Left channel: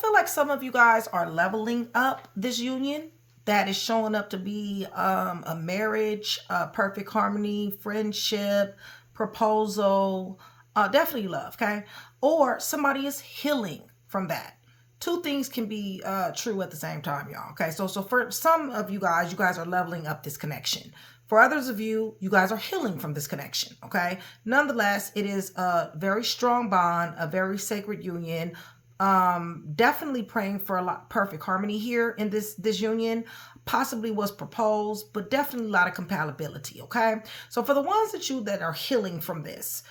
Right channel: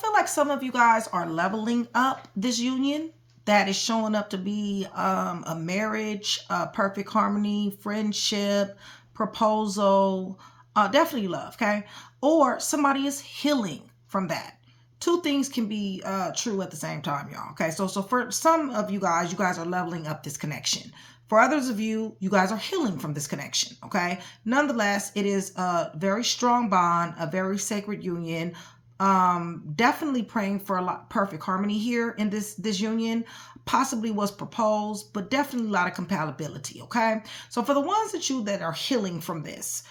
feel like some of you guys are leveling up this union that is showing up to be a marriage, perfect harmony, friendship, proposal, definitely love, okay? Or somebody is healing from that. Two things can be true at the same time, y'all, okay? So for some of you guys are leveling up this connection. For others of you, you guys are healing from this connection, okay? Nonetheless, it is a very strong bond, a very sacred union. Definitely praying for a lot perfect harmony here in this union. Possibly was proposed, but definitely a lot of compatibility, okay? So for the ones that are healing from this,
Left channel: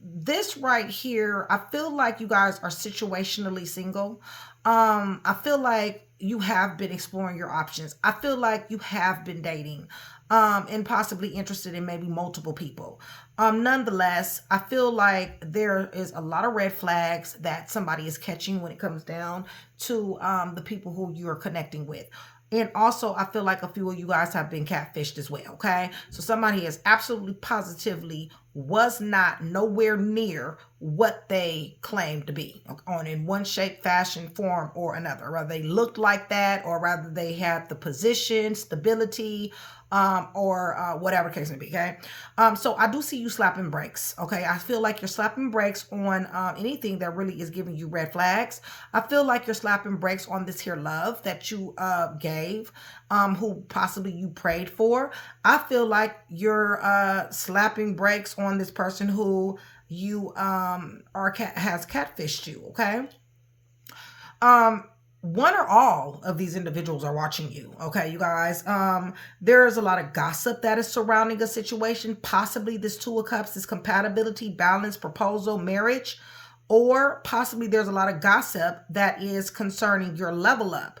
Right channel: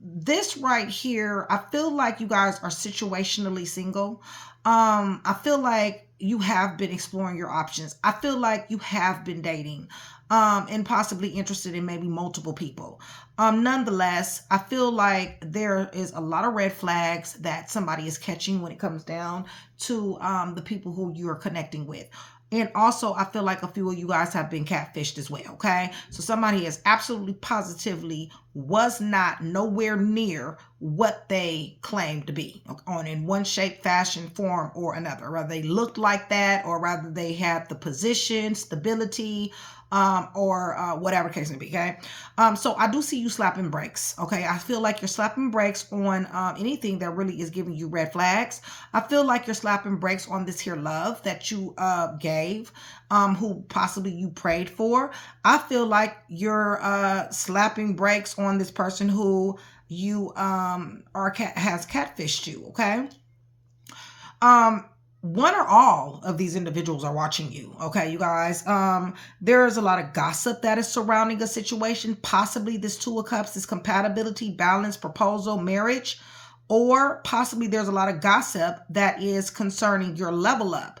this right here, I feel like you guys are situationally single. I feel like you have been exploring your options. I feel like you have been dating, and possibly interested in maybe multiple people. Nonetheless, I feel like there is a lot of red flags that somebody is catching when it comes down to the people who you are connecting with. And also, I feel like a few of you guys have been catfished as well, okay? So somebody is absolutely positively was not nowhere near what they claimed to be on in one shape, fashion, form, or another. Rather they looked like that, or rather they had the position, stability, or whatever case may be, okay? So I do see you slapping brakes, okay? I feel like you're slapping brakes on anything that really is giving you red flags. I feel like you're slapping brakes on this here love that you gave, who possibly you prayed for. I feel like you're slapping brakes on this person who you has catfished you, okay? One or all of these individuals are watching you, okay, you guys? There's a lot of gossip that is surrounding a situation. Possibly this Two of Cups is compatibility, balance, proposal, marriage, or possibly there's a lot of gossip that is concerning your level up.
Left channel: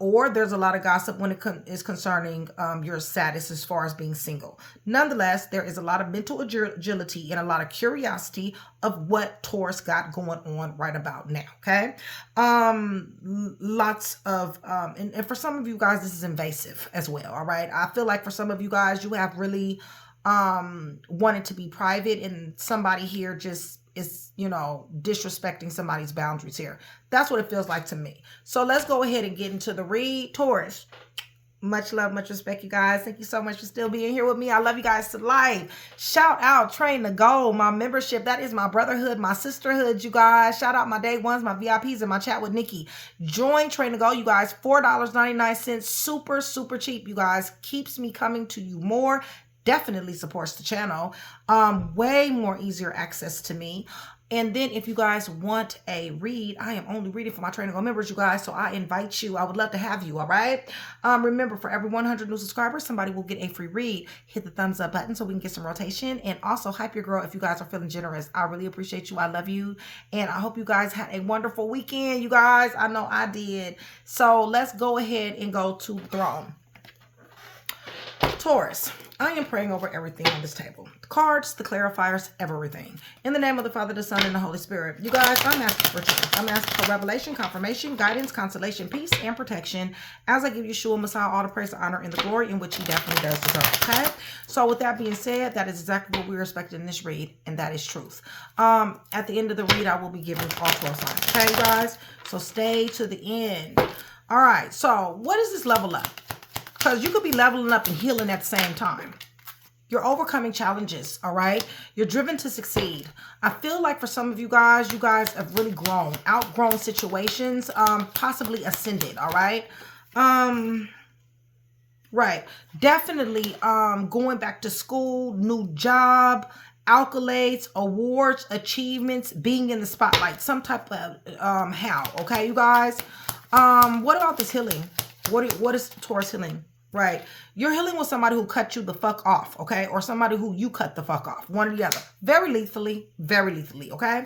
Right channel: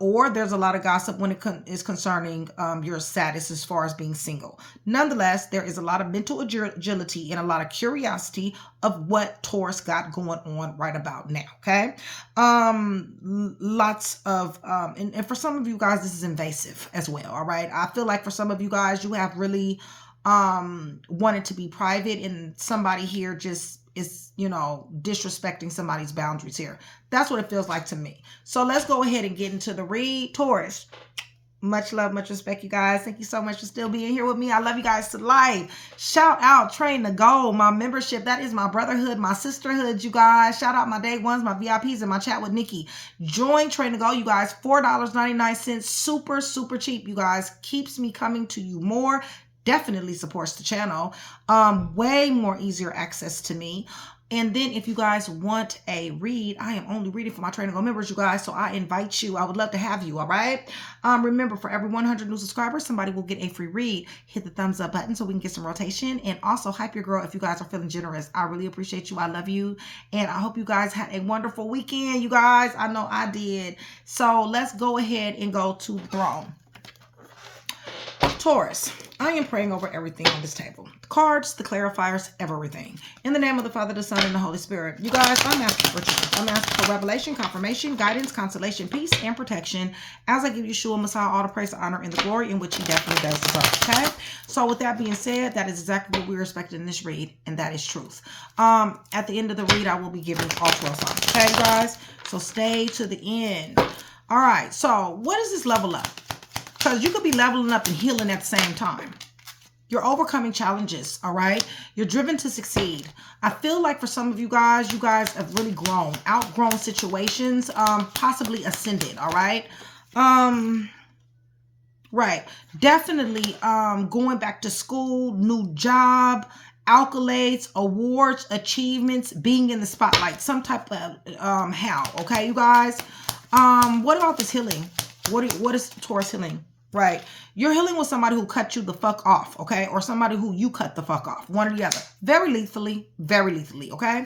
Or there's a lot of gossip when it is concerning your status as far as being single. Nonetheless, there is a lot of mental agility and a lot of curiosity of what Taurus got going on right about now, okay? Lots of, and for some of you guys, this is invasive as well, all right? I feel like for some of you guys, you have really wanted to be private, and somebody here just is, you know, disrespecting somebody's boundaries here. That's what it feels like to me. So let's go ahead and get into the read. Taurus, much love, much respect, you guys. Thank you so much for still being here with me. I love you guys to life. Shout out Train to Go, my membership. That is my brotherhood, my sisterhood, you guys. Shout out my day ones, my VIPs, and my chat with Nikki. Join Train to Go, you guys. $4.99. Super, super cheap, you guys. Keeps me coming to you more. Definitely supports the channel. Way more easier access to me. And then if you guys want a read, I am only reading for my Train to Go members, you guys. So I invite you. I would love to have you, all right? Remember, for every 100 new subscribers, somebody will get a free read. Hit the thumbs up button so we can get some rotation. And also hype your girl if you guys are feeling generous. I really appreciate you. I love you. And I hope you guys had a wonderful weekend, you guys. I know I did. So let's go ahead and go to the throne. Taurus, I am praying over everything on this table. The cards, the clarifiers, everything. In the name of the Father, the Son, and the Holy Spirit. You guys, I'm asking for truth. I'm asking for revelation, confirmation, guidance, consolation, peace, and protection as I give Yeshua Messiah all the praise, the honor, and the glory in which he definitely does deserve, okay? So with that being said, that is exactly what we're expecting in this read, and that is truth. At the end of the read, I will be giving all 12 signs, okay, you guys? So stay to the end. All right, so what is this level up? Because you could be leveling up and healing at the same time. You're overcoming challenges, all right? You're driven to succeed. I feel like for some of you guys have really grown, outgrown situations, possibly ascended, all right? Right. Definitely going back to school, new job, accolades, awards, achievements, being in the spotlight, some type of how, okay, you guys? What about this healing? What is Taurus healing? Right. You're healing with somebody who cut you the fuck off, okay? Or somebody who you cut the fuck off. One or the other. Very lethally, okay?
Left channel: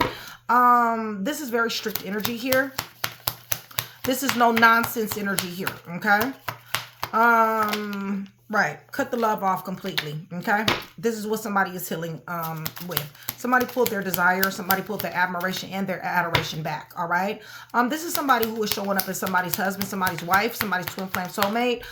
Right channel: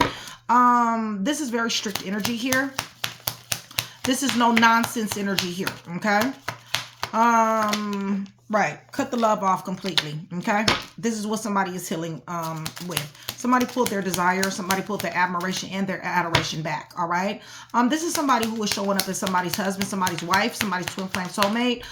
This is very strict energy here. This is no nonsense energy here, okay? Right. Cut the love off completely, okay? This is what somebody is healing with. Somebody pulled their desire, somebody pulled their admiration and their adoration back, all right? This is somebody who is showing up as somebody's husband, somebody's wife, somebody's twin flame soulmate.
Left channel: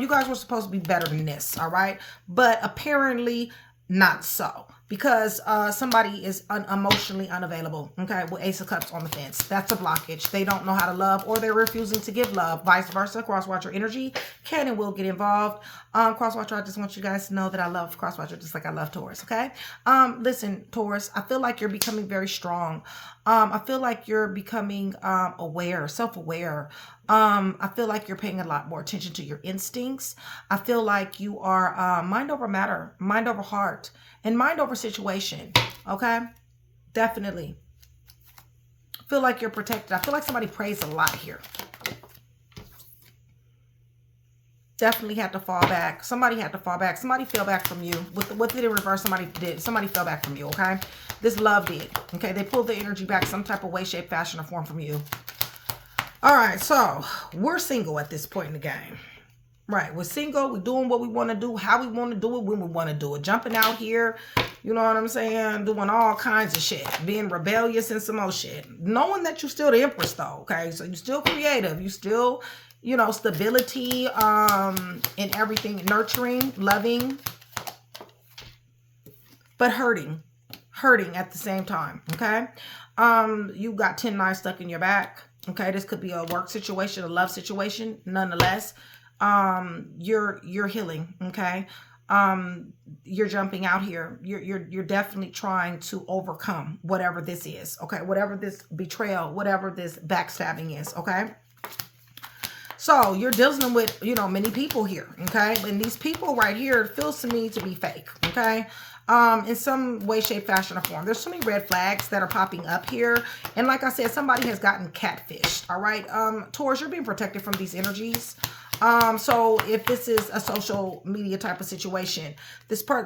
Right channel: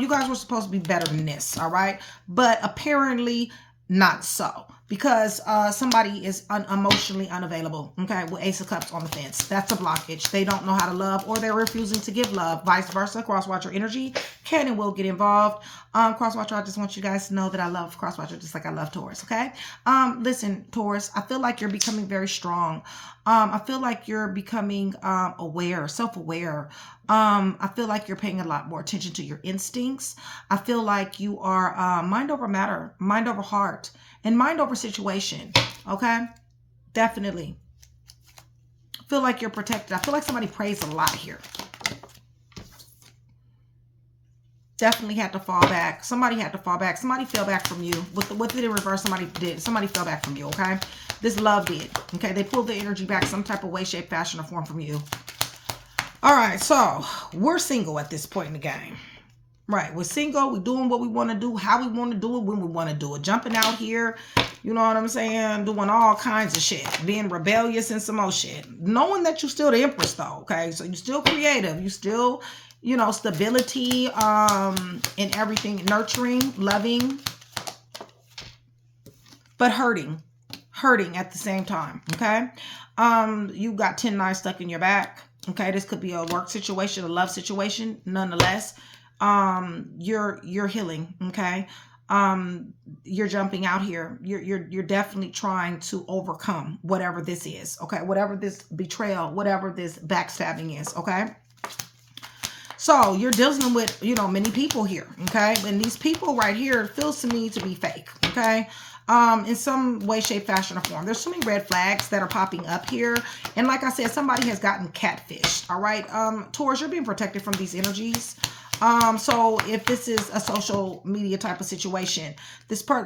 You guys were supposed to be better than this, all right? But apparently not so. because somebody is emotionally unavailable, okay, with Ace of Cups on the fence. That's a blockage. They don't know how to love, or they're refusing to give love. Vice versa, cross-watcher energy can and will get involved. Cross-watcher, I just want you guys to know that I love cross-watcher just like I love Taurus, okay? Listen, Taurus, I feel like you're becoming very strong. I feel like you're becoming aware, self-aware. I feel like you're paying a lot more attention to your instincts. I feel like you are mind over matter, mind over heart, and mind over situation, okay? Definitely. Feel like you're protected. I feel like somebody prays a lot here. Definitely had to fall back. Somebody had to fall back. Somebody fell back from you. With it in reverse, somebody did. Somebody fell back from you, okay? This love did, okay? They pulled the energy back some type of way, shape, fashion, or form from you. All right, so we're single at this point in the game. Right, we're single, we're doing what we want to do, how we want to do it, when we want to do it. Jumping out here, you know what I'm saying? Doing all kinds of shit. Being rebellious and some more shit. Knowing that you're still the Empress though, okay? So you're still creative. You still, you know, stability in everything. Nurturing, loving. But hurting. Hurting at the same time, okay? You got 10-9 stuck in your back. Okay, this could be a work situation, a love situation, nonetheless. You're healing, okay? You're jumping out here. You're definitely trying to overcome whatever this is, okay? Whatever this betrayal, whatever this backstabbing is, okay? So you're dealing with, you know, many people here, okay? And these people right here feels to me to be fake, okay? In some way, shape, fashion, or form. There's so many red flags that are popping up here. And like I said, somebody has gotten catfished, all right? Taurus, you're being protected from these energies. So if this is a social media type of situation,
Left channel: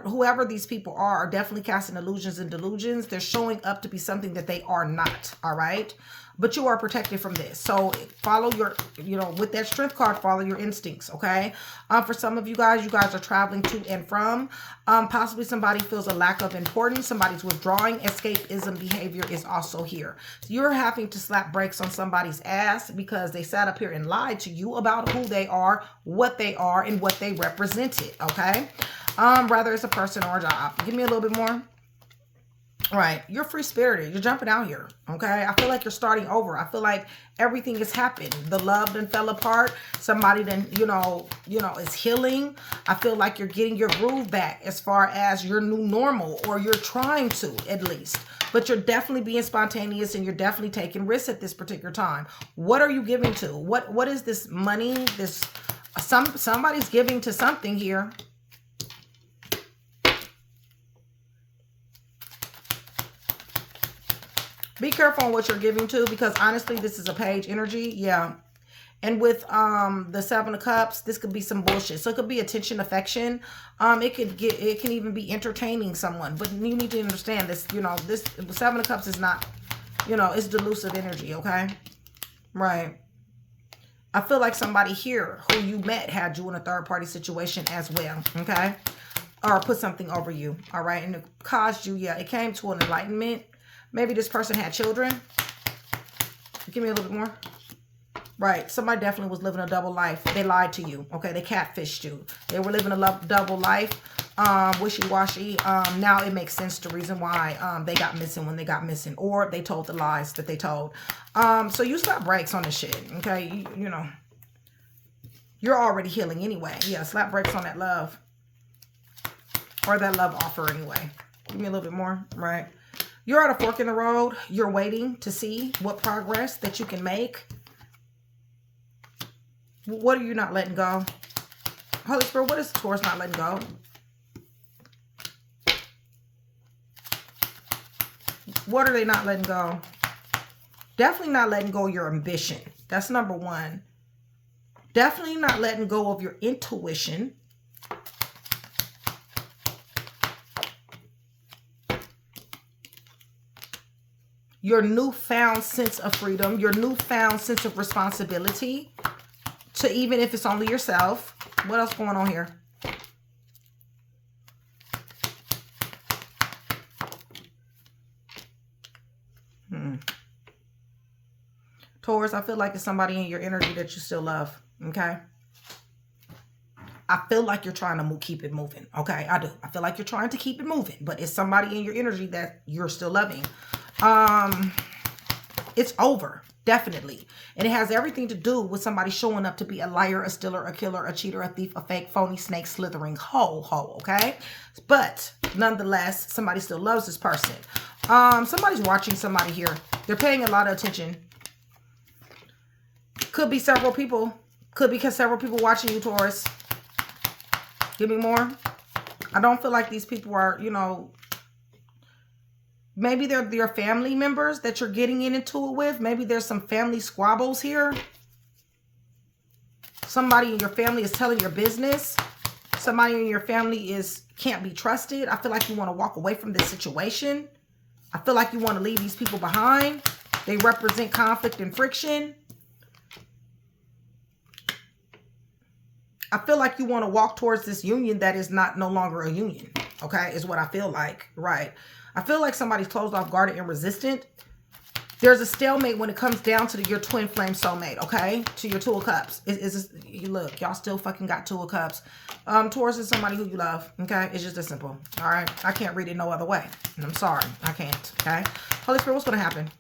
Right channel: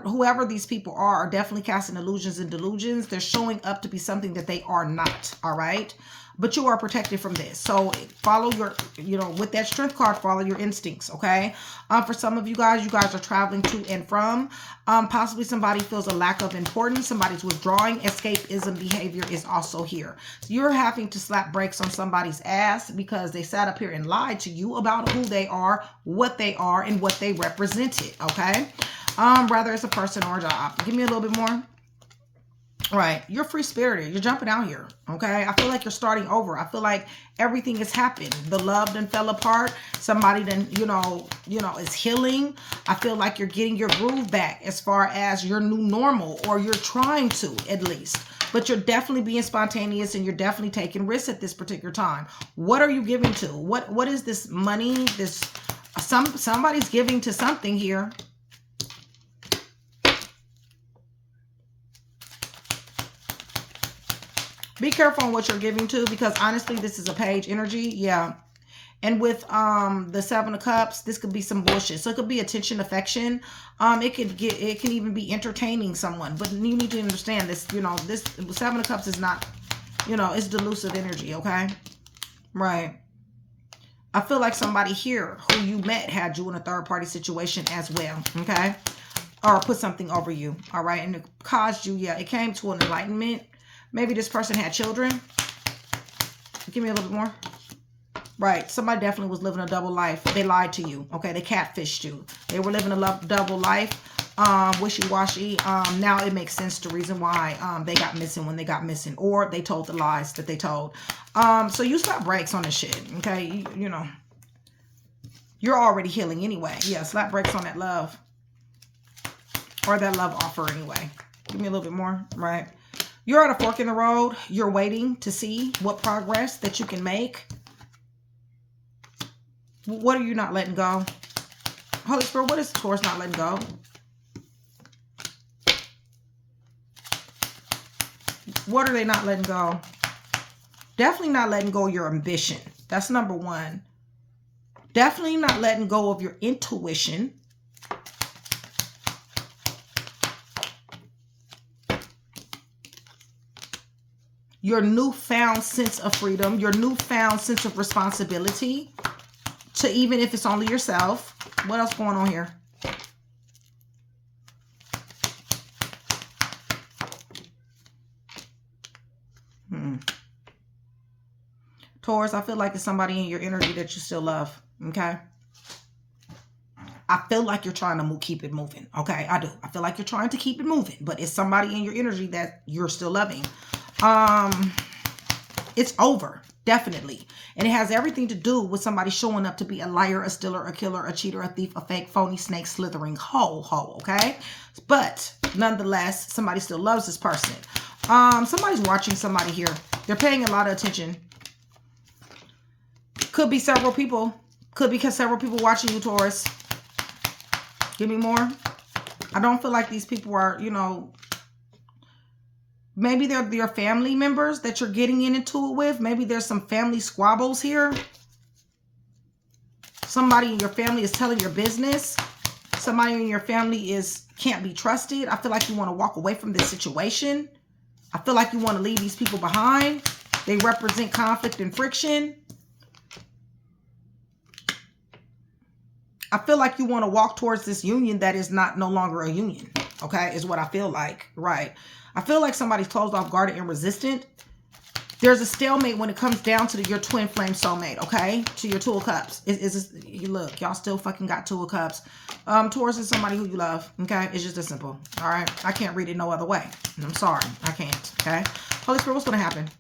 whoever these people are definitely casting illusions and delusions. They're showing up to be something that they are not, all right? But you are protected from this. So follow your, you know, with that strength card, follow your instincts, okay? For some of you guys are traveling to and from. Possibly somebody feels a lack of importance. Somebody's withdrawing. Escapism behavior is also here. So you're having to slap brakes on somebody's ass because they sat up here and lied to you about who they are, and what they represented, okay? Rather it's a person or a job. Give me a little bit more. Right, you're free-spirited. You're jumping out here, okay? I feel like you're starting over. I feel like everything has happened. The love then fell apart. Somebody then, you know, is healing. I feel like you're getting your groove back as far as your new normal, or you're trying to at least. But you're definitely being spontaneous and you're definitely taking risks at this particular time. What are you giving to? What is this money? Somebody's giving to something here. Be careful on what you're giving to, because honestly, this is a page energy. Yeah. And with the 7 of Cups, this could be some bullshit. So it could be attention, affection. It can even be entertaining someone. But you need to understand this, you know, this 7 of Cups is not, you know, it's delusive energy, okay? Right. I feel like somebody here who you met had you in a third-party situation as well, okay? Or put something over you, all right? And it caused you, yeah, it came to an enlightenment. Maybe this person had children. Give me a little bit more. Right. Somebody definitely was living a double life. They lied to you. Okay. They catfished you. They were living a double life. Wishy-washy. Now it makes sense the reason why they got missing when they got missing. Or they told the lies that they told. So you slap brakes on this shit. Okay. You know. You're already healing anyway. Yeah. Slap brakes on that love. Or that love offer anyway. Give me a little bit more. Right. You're at a fork in the road. You're waiting to see what progress that you can make. What are you not letting go? Holy Spirit, what is Taurus not letting go? What are they not letting go? Definitely not letting go of your ambition. That's number one. Definitely not letting go of your intuition. Your newfound sense of freedom, your newfound sense of responsibility to, even if it's only yourself. What else going on here? Taurus, I feel like it's somebody in your energy that you still love, okay? I feel like you're trying to keep it moving. Okay, I do. I feel like you're trying to keep it moving, but it's somebody in your energy that you're still loving. It's over, definitely. And it has everything to do with somebody showing up to be a liar, a stealer, a killer, a cheater, a thief, a fake, phony, snake, slithering hoe, okay? But nonetheless, somebody still loves this person. Somebody's watching somebody here. They're paying a lot of attention. Could be several people. Could be several people watching you, Taurus. Give me more. I don't feel like these people are, you know, maybe they're your family members that you're getting into it with. Maybe there's some family squabbles here. Somebody in your family is telling your business. Somebody in your family can't be trusted. I feel like you want to walk away from this situation. I feel like you want to leave these people behind. They represent conflict and friction. I feel like you want to walk towards this union that is no longer a union. Okay, is what I feel like. Right. I feel like somebody's closed off, guarded, and resistant. There's a stalemate when it comes down to your twin flame soulmate, okay? To your Two of Cups. Look, y'all still fucking got Two of Cups. Taurus is somebody who you love, okay? It's just as simple, all right? I can't read it no other way. I'm sorry, I can't, okay? Holy Spirit, what's going to happen?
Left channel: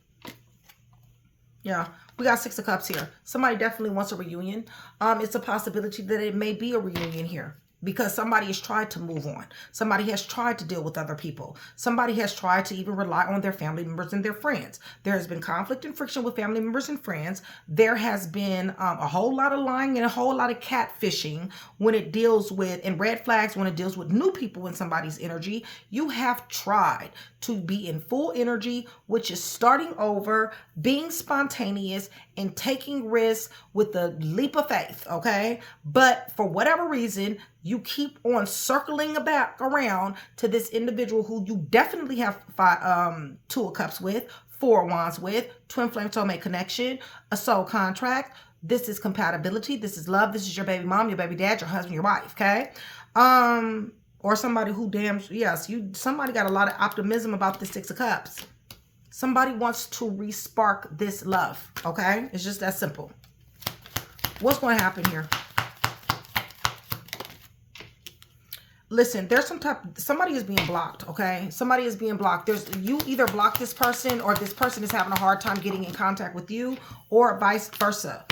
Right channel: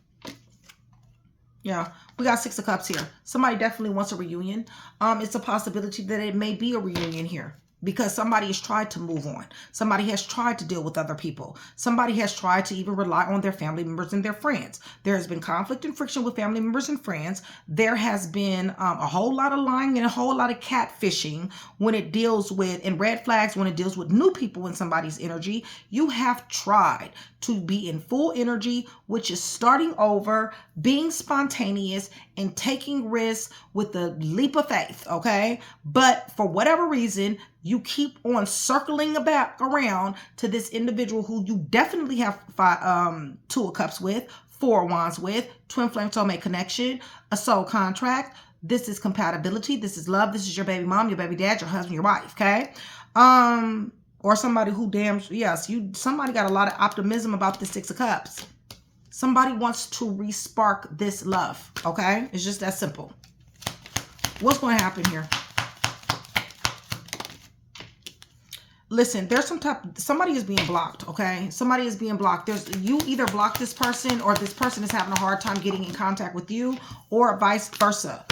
Yeah, we got Six of Cups here. Somebody definitely wants a reunion. It's a possibility that it may be a reunion here, because somebody has tried to move on. Somebody has tried to deal with other people. Somebody has tried to even rely on their family members and their friends. There has been conflict and friction with family members and friends. There has been a whole lot of lying and a whole lot of catfishing when it deals with, and red flags when it deals with new people in somebody's energy. You have tried to be in full energy, which is starting over, being spontaneous, and taking risks with a leap of faith, okay? But for whatever reason, you keep on circling back around to this individual who you definitely have Two of Cups with, Four of Wands with, twin flame soulmate connection, a soul contract. This is compatibility. This is love. This is your baby mom, your baby dad, your husband, your wife, okay? Or somebody who somebody got a lot of optimism about the Six of Cups. Somebody wants to re-spark this love, okay? It's just that simple. What's going to happen here? Listen, there's somebody is being blocked, okay? Somebody is being blocked. You either block this person or this person is having a hard time getting in contact with you, or vice versa.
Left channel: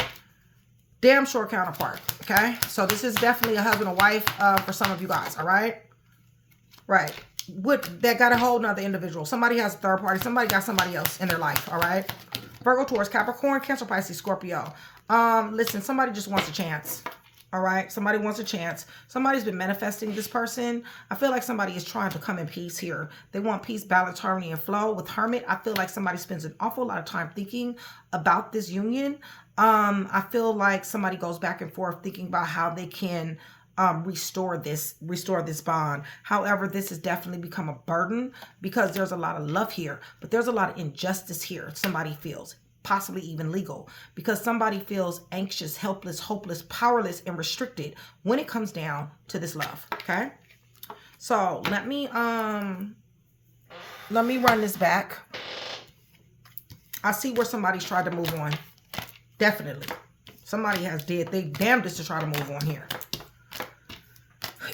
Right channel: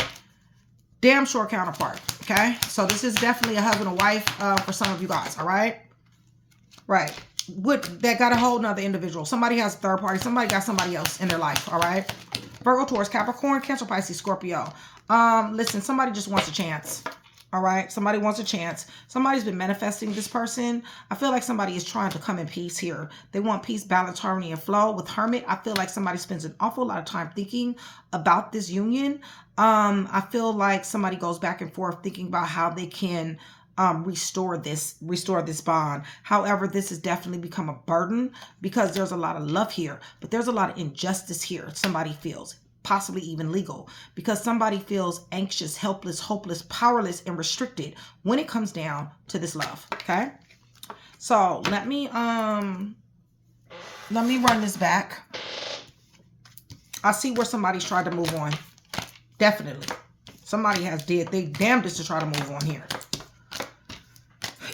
Damn sure counterpart, okay? So this is definitely a husband or wife for some of you guys, all right? Right. That got a whole nother individual. Somebody has a third party. Somebody got somebody else in their life, all right? Virgo, Taurus, Capricorn, Cancer, Pisces, Scorpio. Listen, somebody just wants a chance. All right. Somebody wants a chance. Somebody's been manifesting this person. I feel like somebody is trying to come in peace here. They want peace, balance, harmony, and flow. With Hermit, I feel like somebody spends an awful lot of time thinking about this union. I feel like somebody goes back and forth thinking about how they can restore this bond. However, this has definitely become a burden because there's a lot of love here, but there's a lot of injustice here. Somebody feels, possibly even legal, because somebody feels anxious, helpless, hopeless, powerless, and restricted when it comes down to this love. Okay, so let me run this back. I see where somebody's tried to move on. Definitely, somebody has did they damnedest to try to move on here,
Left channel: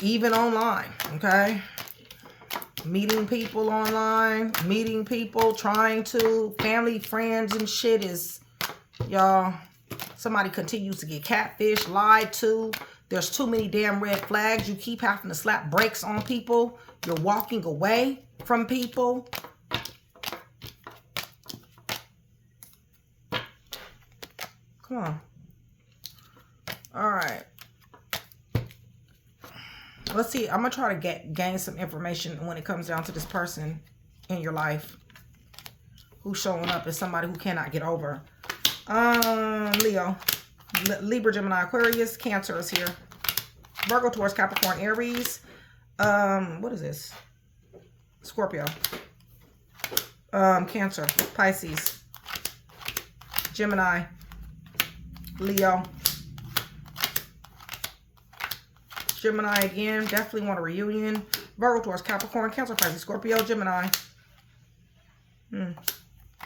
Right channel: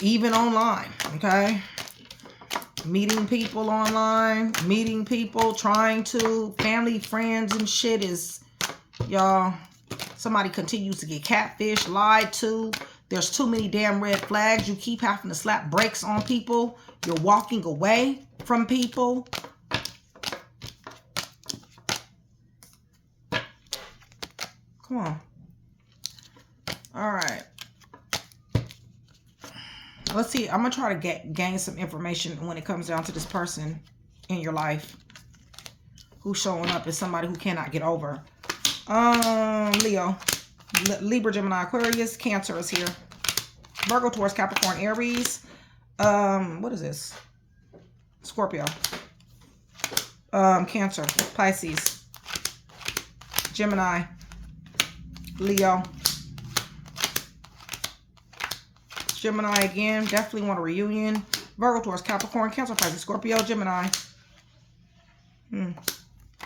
even online. Okay. Meeting people online, meeting people, trying to, family, friends, and shit is, y'all, somebody continues to get catfished, lied to. There's too many damn red flags. You keep having to slap brakes on people. You're walking away from people. Come on. All right. Let's see. I'm going to try to gain some information when it comes down to this person in your life who's showing up as somebody who cannot get over. Leo, Libra, Gemini, Aquarius, Cancer is here. Virgo, Taurus, Capricorn, Aries. What is this? Scorpio. Cancer, Pisces, Gemini, Leo. Gemini again, definitely want a reunion. Virgo, Taurus, Capricorn, Cancer, Pisces, Scorpio, Gemini.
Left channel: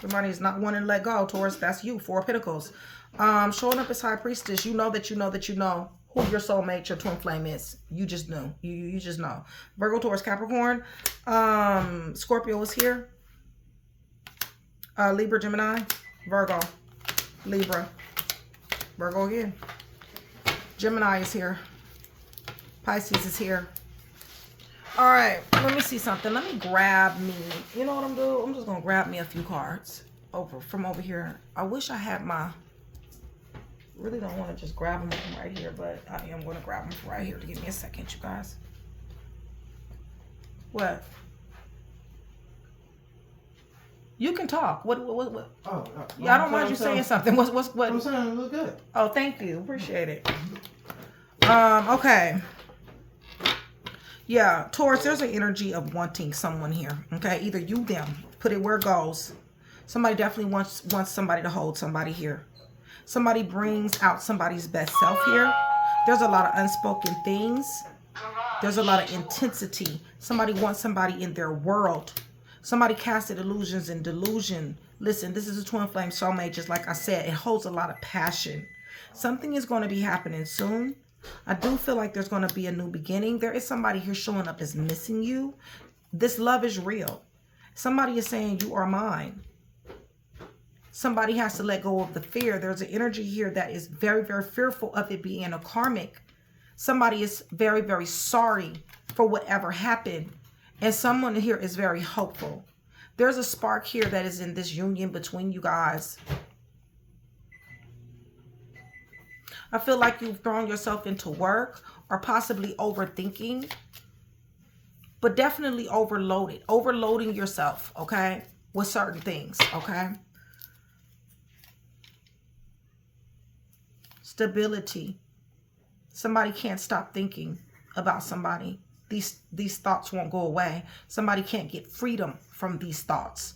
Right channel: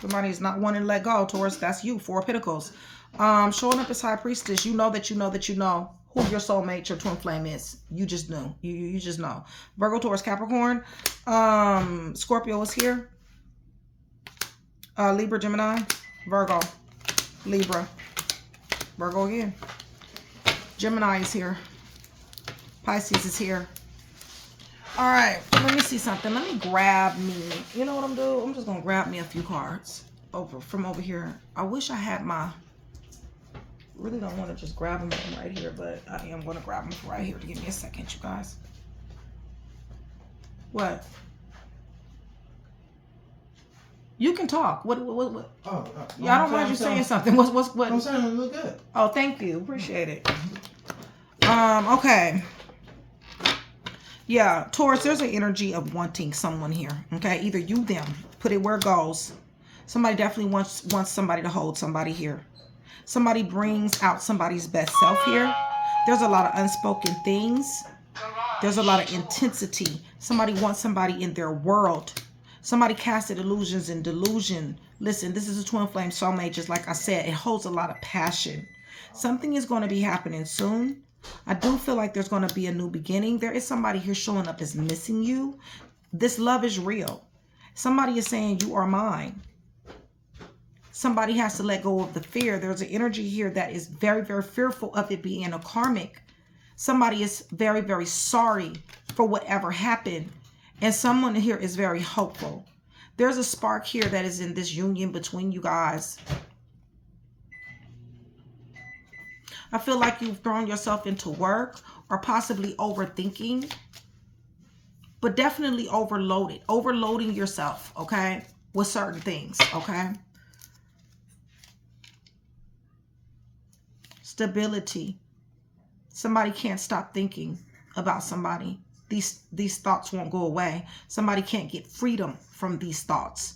Somebody is not wanting to let go, Taurus. That's you. Four of Pentacles. Showing up as High Priestess. You know that you know that you know who your soulmate, your twin flame is. You just know. You just know. Virgo, Taurus, Capricorn. Scorpio is here. Libra, Gemini, Virgo, Libra, Virgo again. Gemini is here. Pisces is here. All right, let me see something. Let me grab me. You know what I'm doing? I'm just going to grab me a few cards from over here. I wish I had my... Really don't want to just grab them from right here, but I am going to grab them from right here. Give me a second, you guys. What? You can talk. What? Oh, yeah, I don't mind you saying something. What? I'm saying it look good. Oh, thank you. Appreciate it. Okay. Yeah, Taurus, there's an energy of wanting someone here. Okay, either you, them. Put it where it goes. Somebody definitely wants somebody to hold somebody here. Somebody brings out somebody's best self here. There's a lot of unspoken things. There's a lot of intensity. Somebody wants somebody in their world. Somebody casted illusions and delusion. Listen, this is a twin flame soulmate. Just like I said, it holds a lot of passion. Something is going to be happening soon. I do feel like there's going to be a new beginning. There is somebody here showing up as missing you. This love is real. Somebody is saying, you are mine. Somebody has to let go of the fear. There's an energy here that is very, very fearful of it being a karmic. Somebody is very, very sorry for whatever happened. And someone here is very hopeful. There's a spark here that is in this union between you guys. I feel like you've thrown yourself into work or possibly overthinking, but definitely overloading yourself, okay, with certain things, okay? Stability. Somebody can't stop thinking about somebody. These thoughts won't go away. Somebody can't get freedom from these thoughts.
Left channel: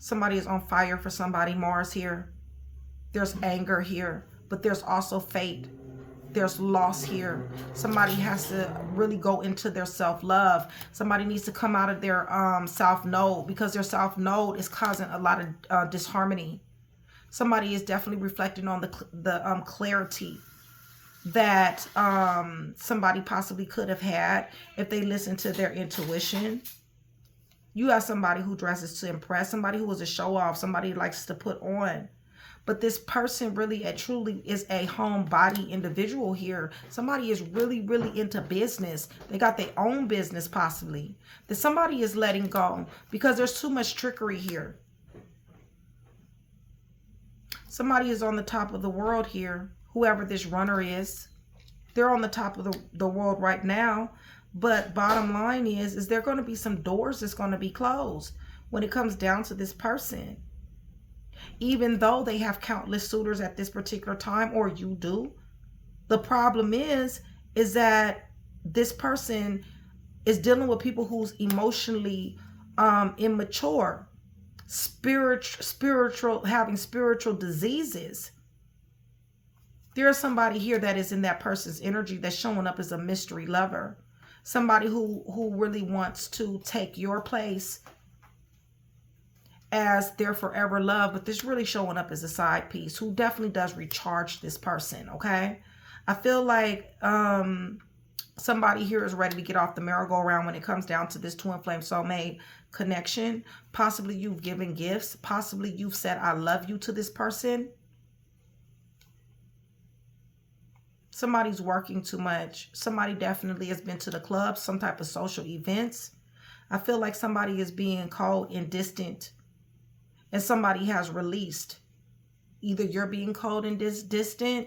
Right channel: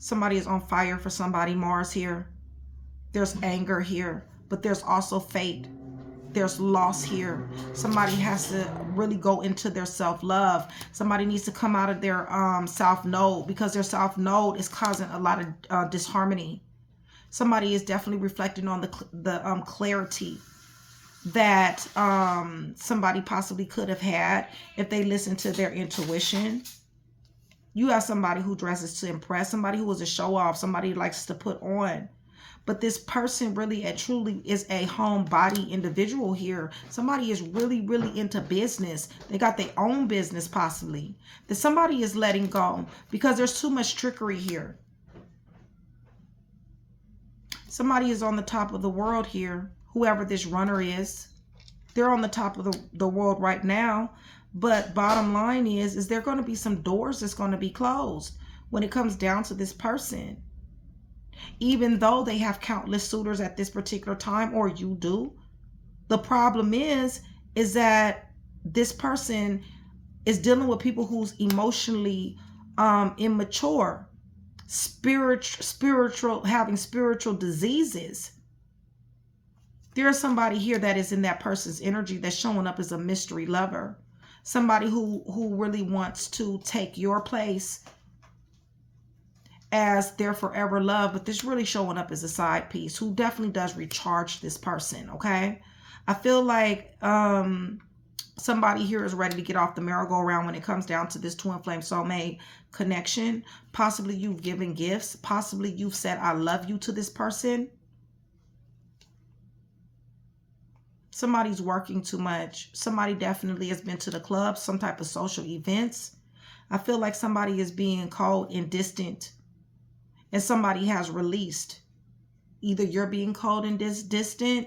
Somebody is on fire for somebody. Mars here. There's anger here, but there's also fate. There's loss here. Somebody has to really go into their self-love. Somebody needs to come out of their south node, because their south node is causing a lot of disharmony. Somebody is definitely reflecting on the clarity that somebody possibly could have had if they listened to their intuition. You have somebody who dresses to impress, somebody who is a show-off, somebody who likes to put on. But this person really and truly is a homebody individual here. Somebody is really, really into business. They got their own business possibly. That somebody is letting go because there's too much trickery here. Somebody is on the top of the world here. Whoever this runner is, they're on the top of the world right now. But bottom line is there going to be some doors that's going to be closed when it comes down to this person. Even though they have countless suitors at this particular time, or you do, the problem is that this person is dealing with people who's emotionally immature, having spiritual diseases. There's somebody here that is in that person's energy that's showing up as a mystery lover. Somebody who really wants to take your place as their forever love, but this really showing up as a side piece who definitely does recharge this person, okay? I feel like somebody here is ready to get off the merry-go-round when it comes down to this twin flame soulmate connection. Possibly you've given gifts. Possibly you've said, I love you to this person. Somebody's working too much. Somebody definitely has been to the club, some type of social events. I feel like somebody is being cold and distant, and somebody has released. Either you're being cold and distant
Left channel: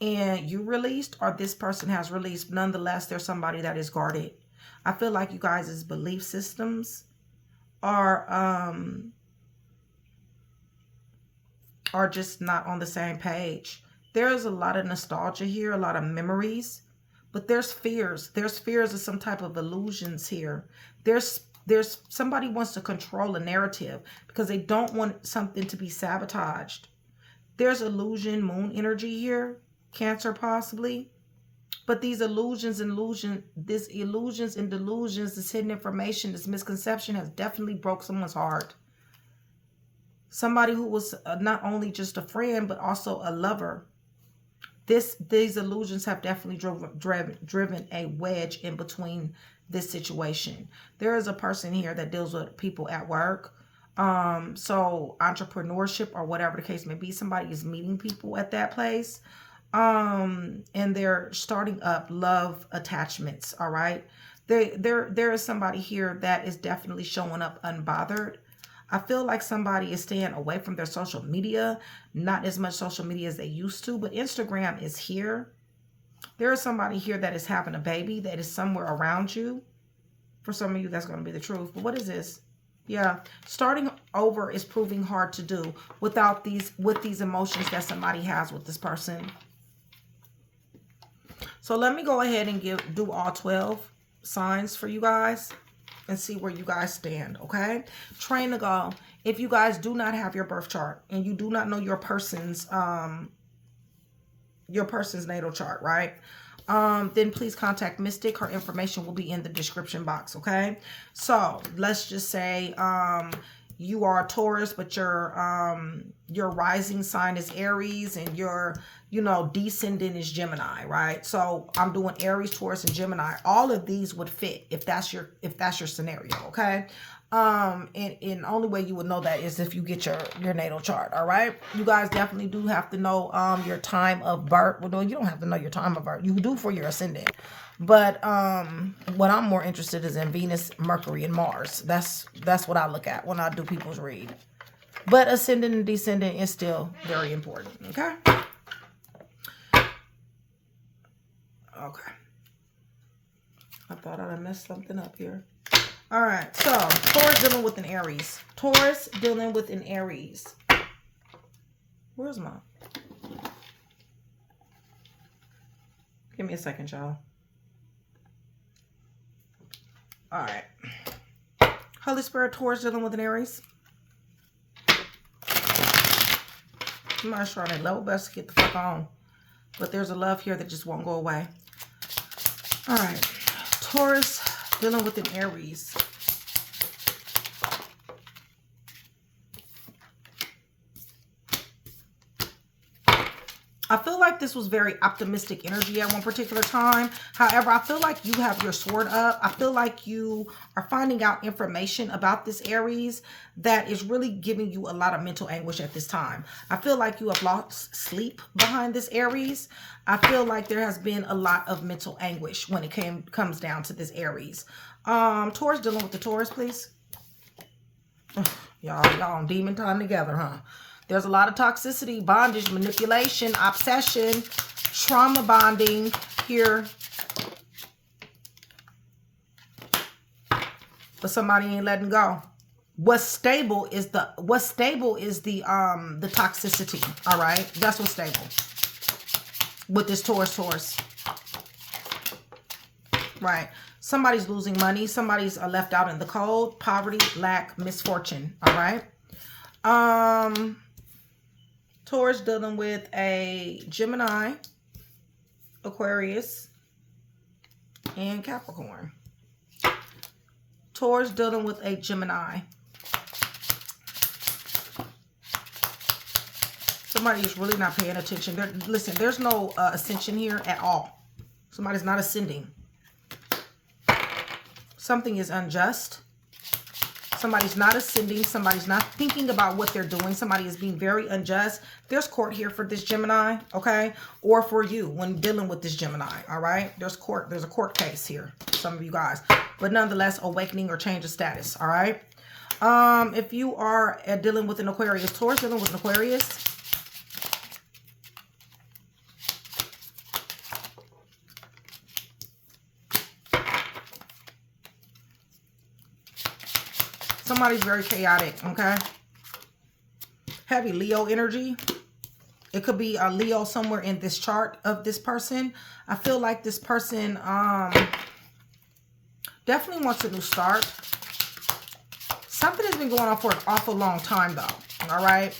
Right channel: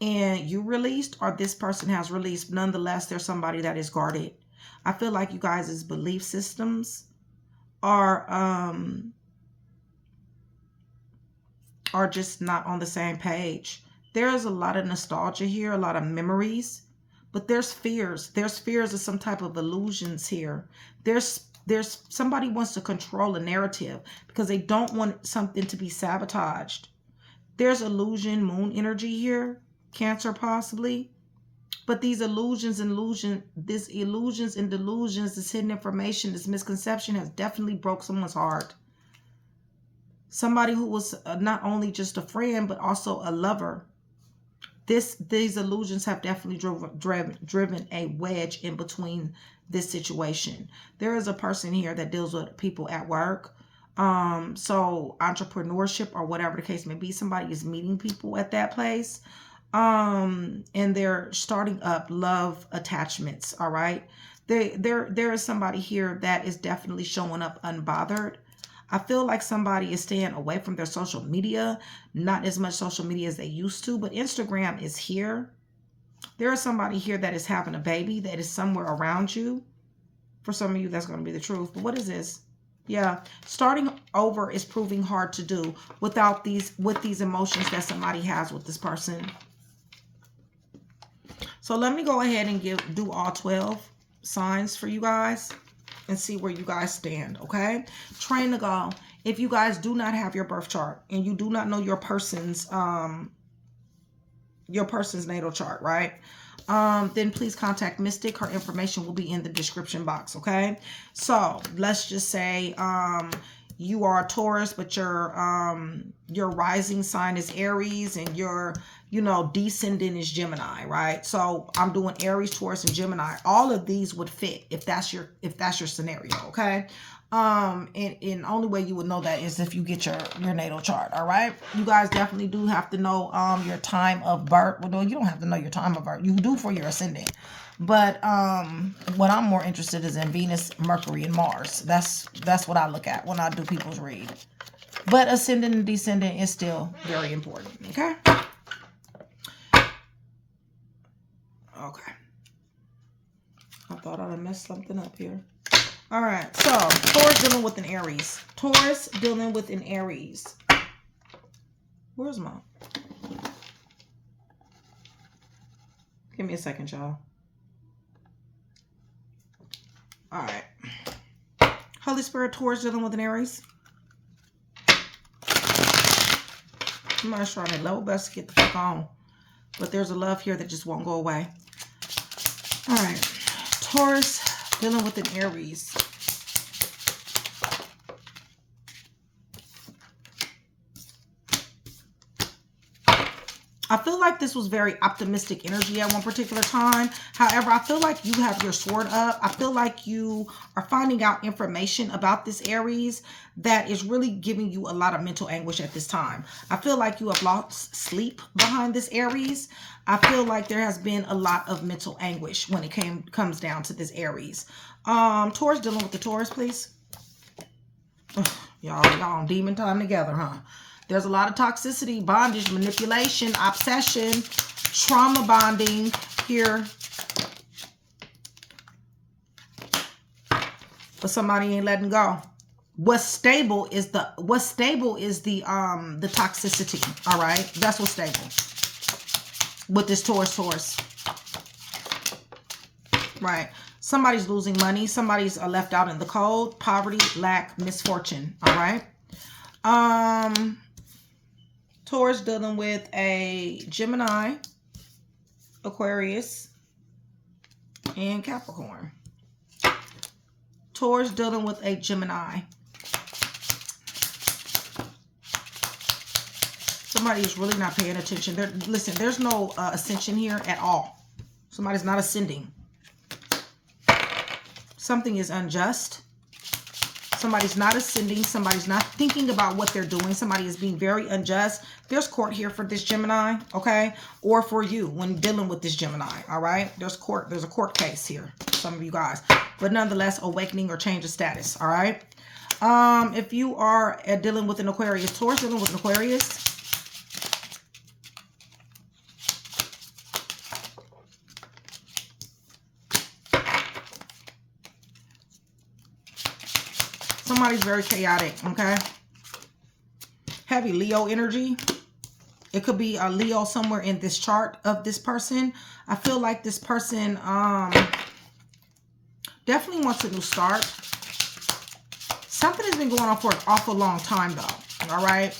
and you released, or this person has released. Nonetheless, there's somebody that is guarded. I feel like you guys' belief systems are just not on the same page. There's a lot of nostalgia here, a lot of memories, but there's fears. There's fears of some type of illusions here. There's somebody wants to control a narrative because they don't want something to be sabotaged. There's illusion, moon energy here, Cancer possibly. But these illusions and delusions, this hidden information, this misconception has definitely broke someone's heart. Somebody who was not only just a friend, but also a lover. These illusions have definitely driven a wedge in between this situation. There is a person here that deals with people at work. So entrepreneurship or whatever the case may be, somebody is meeting people at that place. And they're starting up love attachments. All right. There is somebody here that is definitely showing up unbothered. I feel like somebody is staying away from their social media, not as much social media as they used to, but Instagram is here. There is somebody here that is having a baby that is somewhere around you. For some of you, that's going to be the truth. But what is this? Yeah, starting over is proving hard to do with these emotions that somebody has with this person. So let me go ahead and do all 12 signs for you guys and see where you guys stand, okay? Train to go. If you guys do not have your birth chart and you do not know your person's natal chart, right? Then please contact Mystic. Her information will be in the description box, okay? So let's just say you are a Taurus, but your rising sign is Aries and your descendant is Gemini, right? So I'm doing Aries, Taurus, and Gemini. All of these would fit if that's your scenario, okay? And only way you would know that is if you get your natal chart, all right? You guys definitely do have to know your time of birth. Well, no, you don't have to know your time of birth. You do for your ascendant. But what I'm more interested is in Venus, Mercury, and Mars. That's what I look at when I do people's read. But ascendant and descendant is still very important, okay? Okay. I thought I messed something up here. All right. So, Taurus dealing with an Aries. Taurus dealing with an Aries. Where's my... Give me a second, y'all. All right. Holy Spirit, Taurus dealing with an Aries. Somebody's trying their level best to get the fuck on. But there's a love here that just won't go away. All right. Taurus dealing with an Aries. I feel like this was very optimistic energy at one particular time. However, I feel like you have your sword up. I feel like you are finding out information about this Aries that is really giving you a lot of mental anguish at this time. I feel like you have lost sleep behind this Aries. I feel like there has been a lot of mental anguish when it comes down to this Aries. Taurus dealing with the Taurus, please. Y'all on demon time together, huh? There's a lot of toxicity, bondage, manipulation, obsession, trauma bonding here. But somebody ain't letting go. What's stable is the toxicity. All right, that's what's stable with this Taurus. Right. Somebody's losing money. Somebody's left out in the cold. Poverty, lack, misfortune. All right. Taurus dealing with a Gemini, Aquarius, and Capricorn. Taurus dealing with a Gemini. Somebody is really not paying attention. Listen, there's no ascension here at all. Somebody's not ascending. Something is unjust. Somebody's not ascending. Somebody's not thinking about what they're doing. Somebody is being very unjust. There's court here for this Gemini, okay? Or for you when dealing with this Gemini, all right? There's a court case here, some of you guys. But nonetheless, awakening or change of status, all right? If you are dealing with an Aquarius, Taurus dealing with an Aquarius, somebody's very chaotic, okay? Heavy Leo energy. It could be a Leo somewhere in this chart of this person. I feel like this person definitely wants a new start. Something has been going on for an awful long time, though, all right?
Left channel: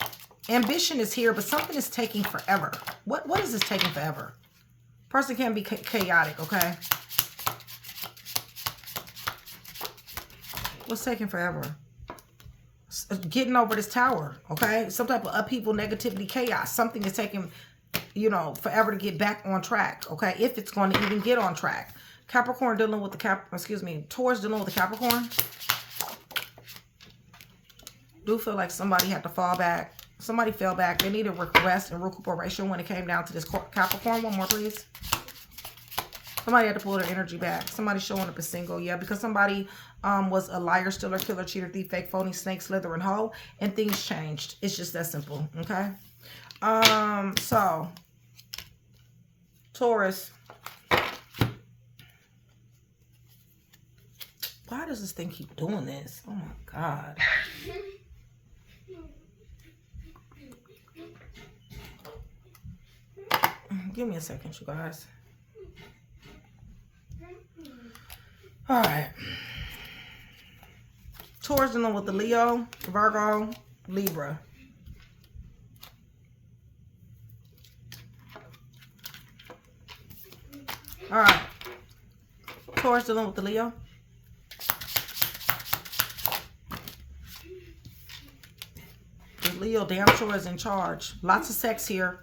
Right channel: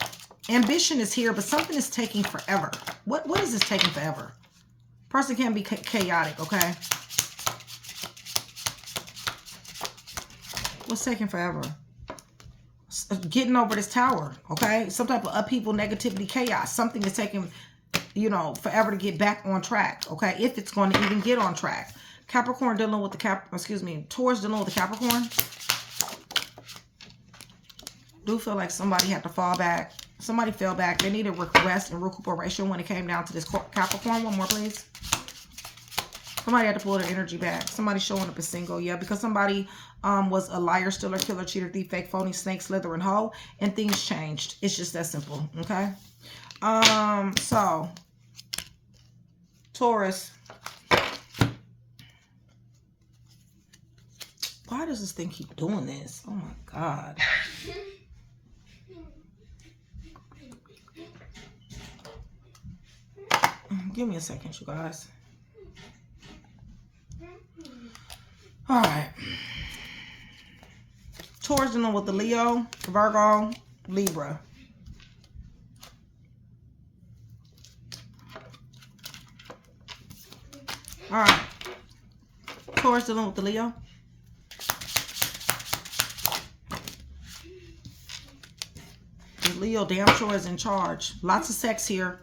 Ambition is here, but something is taking forever. What is this taking forever? Person can be chaotic, okay? What's taking forever? Getting over this tower, okay? Some type of upheaval, negativity, chaos. Something is taking you know, forever to get back on track, okay? If it's going to even get on track. Capricorn dealing with the Taurus dealing with the Capricorn. Do feel like somebody had to fall back. Somebody fell back. They needed rest and recuperation when it came down to this Capricorn. One more, please. Somebody had to pull their energy back. Somebody showing up as single. Yeah, because somebody was a liar, stealer, killer, cheater, thief, fake, phony, snake, slither, and hoe. And things changed. It's just that simple. Okay? So, Taurus. Why does this thing keep doing this? Oh, my God. Give me a second, you guys. All right. Taurus dealing with the Leo, Virgo, Libra. All right. Taurus dealing with the Leo. The Leo damn sure is in charge. Lots of sex here.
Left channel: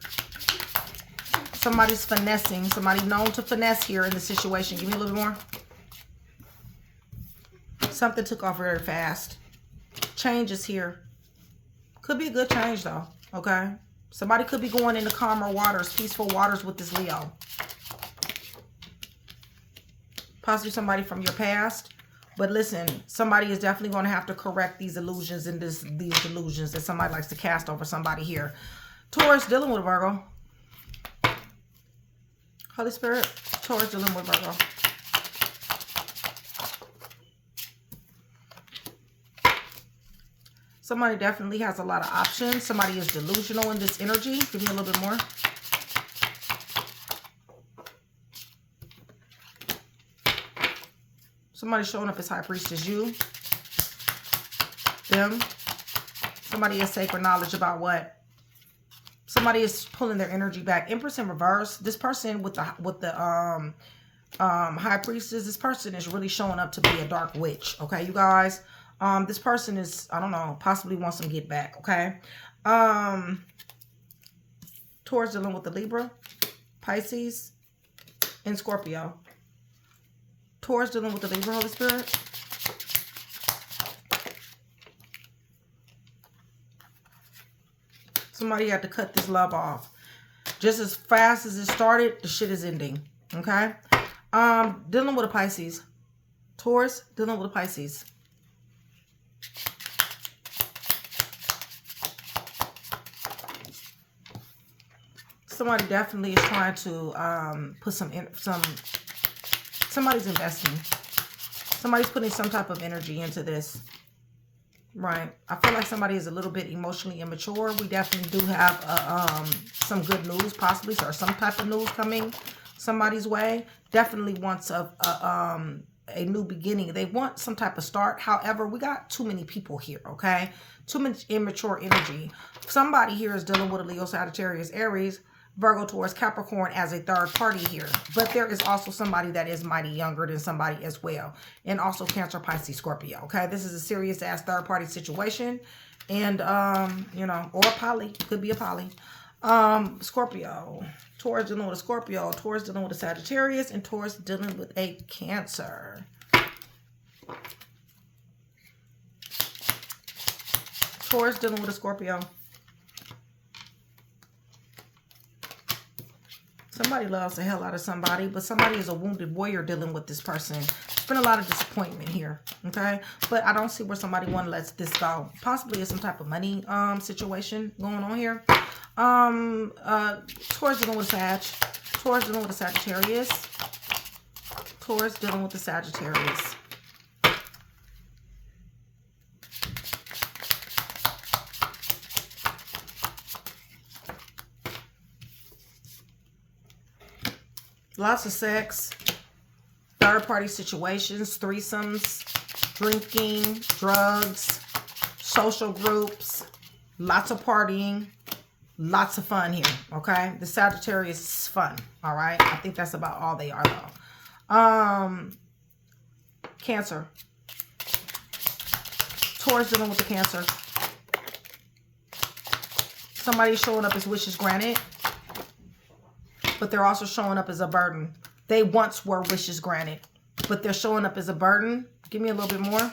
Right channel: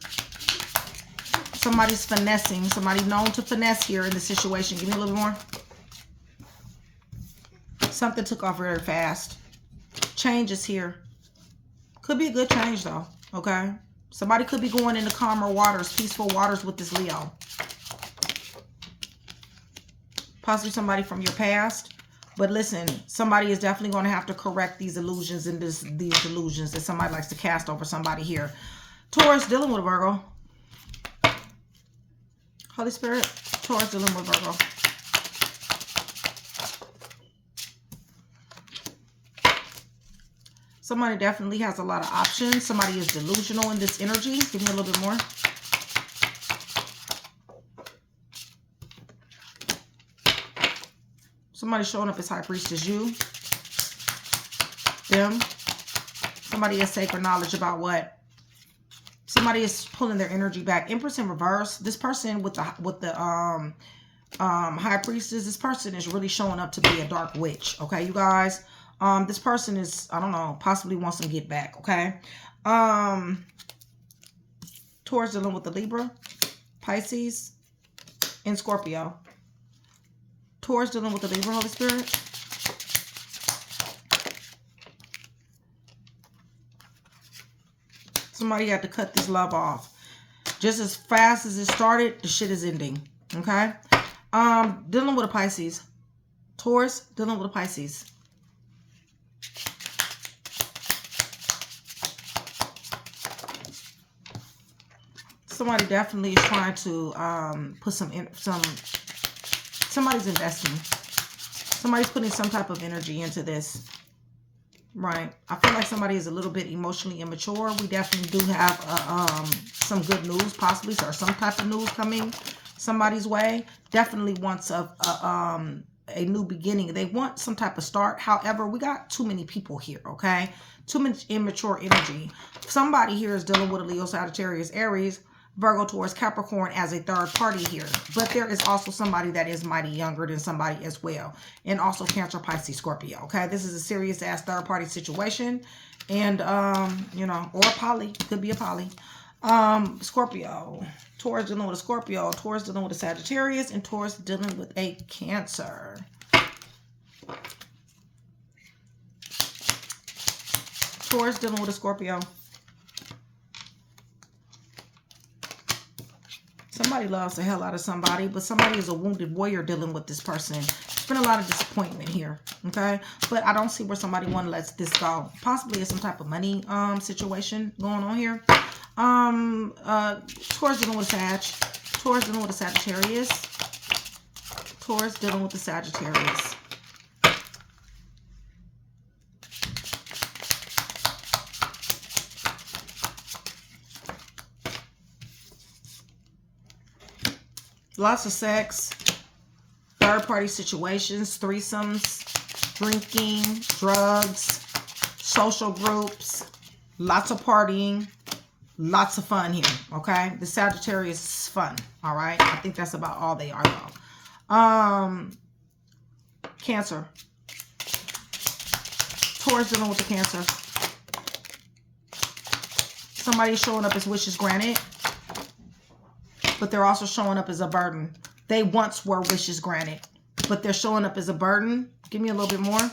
Somebody's finessing. Somebody known to finesse here in the situation. Give me a little bit more. Something took off very fast. Change is here. Could be a good change though. Okay. Somebody could be going into calmer waters, peaceful waters with this Leo. Possibly somebody from your past. But listen, somebody is definitely going to have to correct these illusions and these delusions that somebody likes to cast over somebody here. Taurus dealing with a Virgo. Holy Spirit, Taurus dealing with Virgo. Somebody definitely has a lot of options. Somebody is delusional in this energy. Give me a little bit more. Somebody showing up as High Priestess, you. Them. Somebody has sacred knowledge about what? Somebody is pulling their energy back. Empress in reverse. This person with the High Priestess, this person is really showing up to be a dark witch. Okay, you guys. This person is, I don't know, possibly wants some get back. Okay. Taurus dealing with the Libra, Pisces, and Scorpio. Taurus dealing with the Libra, Holy Spirit. Somebody had to cut this love off. Just as fast as it started, the shit is ending. Okay? Dealing with a Pisces. Taurus dealing with a Pisces. Somebody definitely is trying to put somebody's investing. Somebody's putting some type of energy into this. Right. I feel like somebody is a little bit emotionally immature. We definitely do have some good news, possibly, or some type of news coming somebody's way. Definitely wants a new beginning. They want some type of start. However, we got too many people here, okay? Too much immature energy. Somebody here is dealing with a Leo, Sagittarius, Aries, Virgo, Taurus, Capricorn as a third party here. But there is also somebody that is mighty younger than somebody as well. And also Cancer, Pisces, Scorpio. Okay, this is a serious ass third party situation. And, you know, or a poly. Could be a poly. Scorpio. Taurus dealing with a Scorpio. Taurus dealing with a Sagittarius. And Taurus dealing with a Cancer. Taurus dealing with a Scorpio. Somebody loves the hell out of somebody, but somebody is a wounded warrior dealing with this person. There's been a lot of disappointment here, okay? But I don't see where somebody want to let this go. Possibly it's some type of money situation going on here. Taurus dealing with Sag. Taurus dealing with a Sagittarius. Taurus dealing with the Sagittarius. Lots of sex, third-party situations, threesomes, drinking, drugs, social groups, lots of partying, lots of fun here, okay? The Sagittarius is fun, all right? I think that's about all they are, though. Cancer. Taurus dealing with the Cancer. Somebody showing up as wishes granted. but they're also showing up as a burden. They once were wishes granted, but they're showing up as a burden. Give me a little bit more.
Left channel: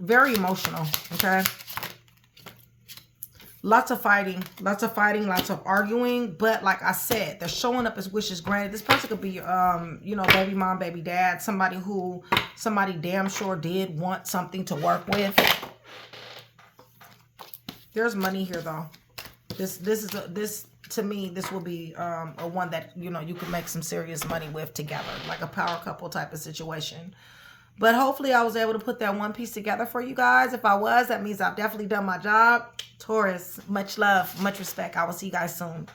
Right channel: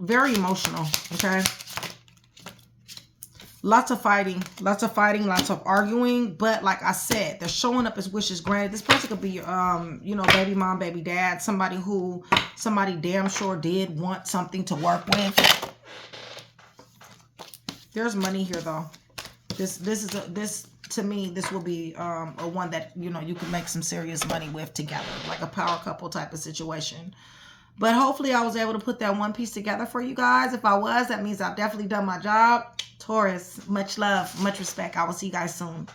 Very emotional, okay? Lots of fighting, lots of arguing. But like I said, they're showing up as wishes granted. This person could be, you know, baby mom, baby dad, somebody damn sure did want something to work with. There's money here though. This to me, this will be a one that, you know, you can make some serious money with together, like a power couple type of situation. But hopefully I was able to put that one piece together for you guys. If I was, that means I've definitely done my job. Taurus, much love, much respect. I will see you guys soon.